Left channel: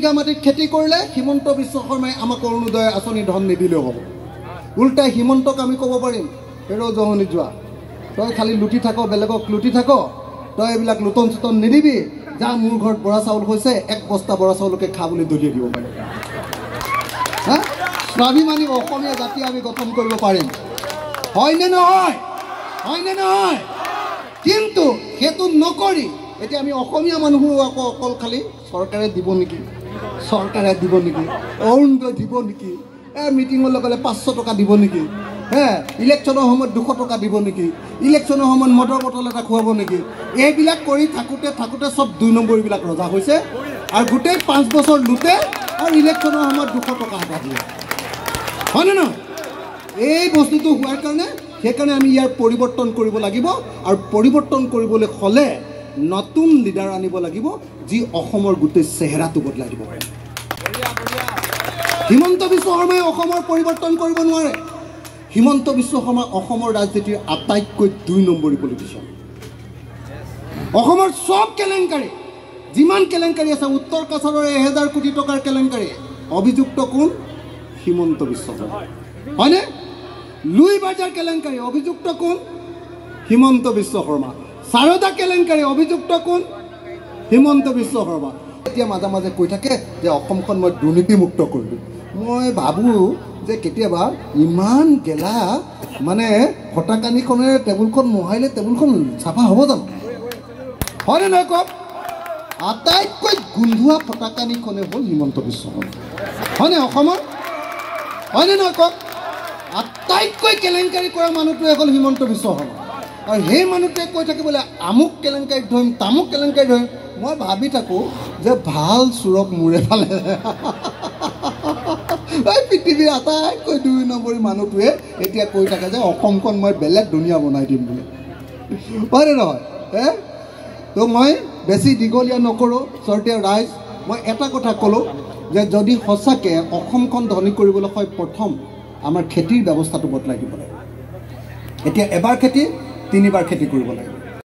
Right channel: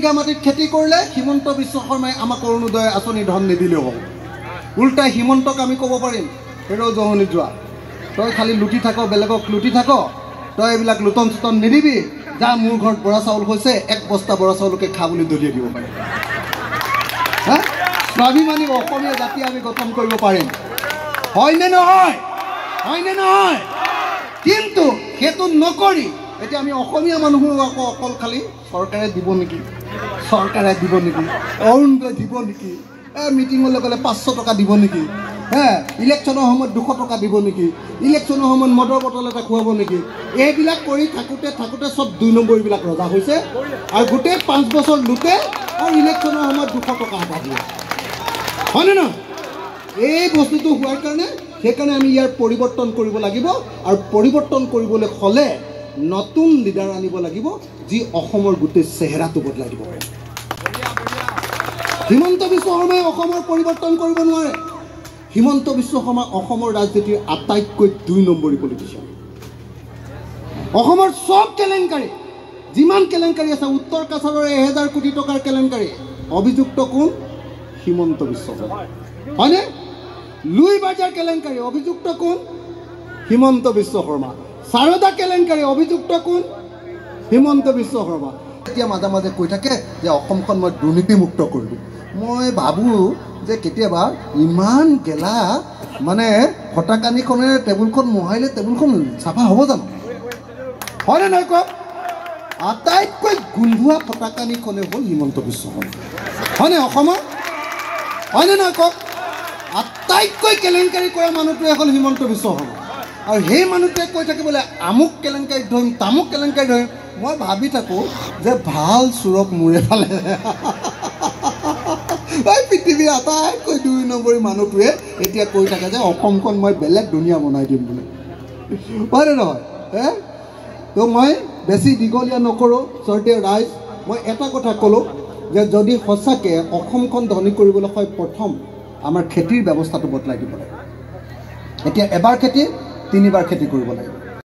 বিঘা মাটিত খেতি কৰিলে হিমন্ত বিশ্ব শৰ্মাই আমাক অৰুণোদয় আঁচনি ধন নিদিলেও হ'ব। উল্টাই হিমন্তক আমি ক'ব পাৰিম হেৰ জহনি যোৱা, তই খালি লুটি থাক, বেলেগক লুটি থাক, তই এইবিলাক লুটন চুটন নিদিবি, যা মোৰ ঘৰত বৰা চাউল হৈছে 1 বস্তা বৰা চাউলকে খা বুলি দলিয়াই দিব পাৰিম। হা, স্বাভিমানী অসমীয়া জাতি আমি গঠন কৰিব পাৰিম, হয়নে নহয়? হয়নে নহয়? কিন্তু সেইটো নকৰি এতিয়া আমি অসমীয়া মানুহো আকৌ অকল খালি চৰকাৰে দিব নেকি, চৰকাৰে দিব নেকি, অৰুণোদয় দিব নেকি, মিটিঙলৈ গ'লে 500 টকা দিব নেকি, ইলেকশ্যনৰ সময়ত 200 টকা দিব নেকি, ইলেকশ্যনৰ সময়ত মদৰ বটল এটা খুৱাব নেকি, এইবিলাক কৰি থাকোঁতে থাকোঁতে চব 2 নম্বৰীবিলাক ৰজা হৈছে আৰু গোটেই 5 বছৰ লুটে আৰু ইলেকশ্যনৰ সময়ত 200 টকা এটা দিয়ে, হয়নে নহয়? এই বস্তুটো হোৱাৰ কাৰণে সেইকাৰণে আমি ইয়াৰ পৰিৱৰ্তন কৰিব লাগিব আৰু পৰিৱৰ্তন কৰিবলৈ হ'লে নতুন লিডাৰ আনিব লাগিব যি অসমৰ গোটেই চেহেৰাটো বদলাই দিব পাৰে। হিমন্ত বিশ্ব শৰ্মাই অসমৰ পৰিৱৰ্তন কৰিব নোৱাৰে। হিমন্ত বিশ্ব শৰ্মা অসমৰ ৰাজনীতিৰ আটাইতকৈ 2 নম্বৰী পলিটিচিয়ান। অসমৰ সব কেলেংকাৰী যিমান কেলেংকাৰী আছে, উত্তৰ কাছাৰৰ 1000 কোটি টকাৰ কেলেংকাৰী, অভিযুক্ত কোন? হিমন্ত বিশ্ব শৰ্মা, হয়নে? লুই বাজাৰ কেলেংকাৰী, অভিযুক্ত কোন? হিমন্ত বিশ্ব শৰ্মা। সাৰদা কেলেংকাৰী, অভিযুক্ত কোন? হিমন্ত বিশ্ব শৰ্মা। এতিয়া মাজে মাজে কৈ থাকে যে অসমখন মই দুৰ্নীতিমুক্ত কৰিলোঁ। মই ভাবোঁ যে কেতিয়াবা ইমান গেলা মানে ফটাকানিখনে টেবুলখন মোহাৰিলে টেবুলখন চাফা হ'ব জানো? হয়নে নহয় কওক? আটাইতকৈ গোন্ধোৱা ফটাকানিখনে হ'ল হিমন্ত বিশ্ব শৰ্মা, হয়নে অসমৰ? হয়নে নহয় কওক? আটাইতকৈ কেলেংকাৰী কৰা মানুহটোৱে হ'ল হিমন্ত বিশ্ব শৰ্মা আৰু সেই মানুহটোৱে কৈ থাকে বোলে আমুক কেলেংকাৰীত ধৰিম, তামুক কেলেংকাৰীত ধৰিম। মই ভাবি থাকোঁ যে ভাল চোৰক মূৰে ফালে এই পৃথিৱীৰ আটাইতকৈ 2 নম্বৰী মানুহটোৱে এতিয়া কৈ থাকে যে অসমখন মই বেলেগ দুনিয়া বনাই দিম বুলি, হয়নে নহয়? তো মই বেছি দীঘলীয়া নকৰোঁ। চৰ্টে ৰাইজ, মই এটা কথা ক'লোঁ যে যদি সঁচাকৈ অসমখন ধনী কৰিবলৈ হয়, প্ৰথম আমাৰ খেতিৰ ব্যৱস্থাটো বদলাই দিব লাগে। এতিয়া এবাৰ খেতি 3 বাৰ খেতি কৰিব লাগে।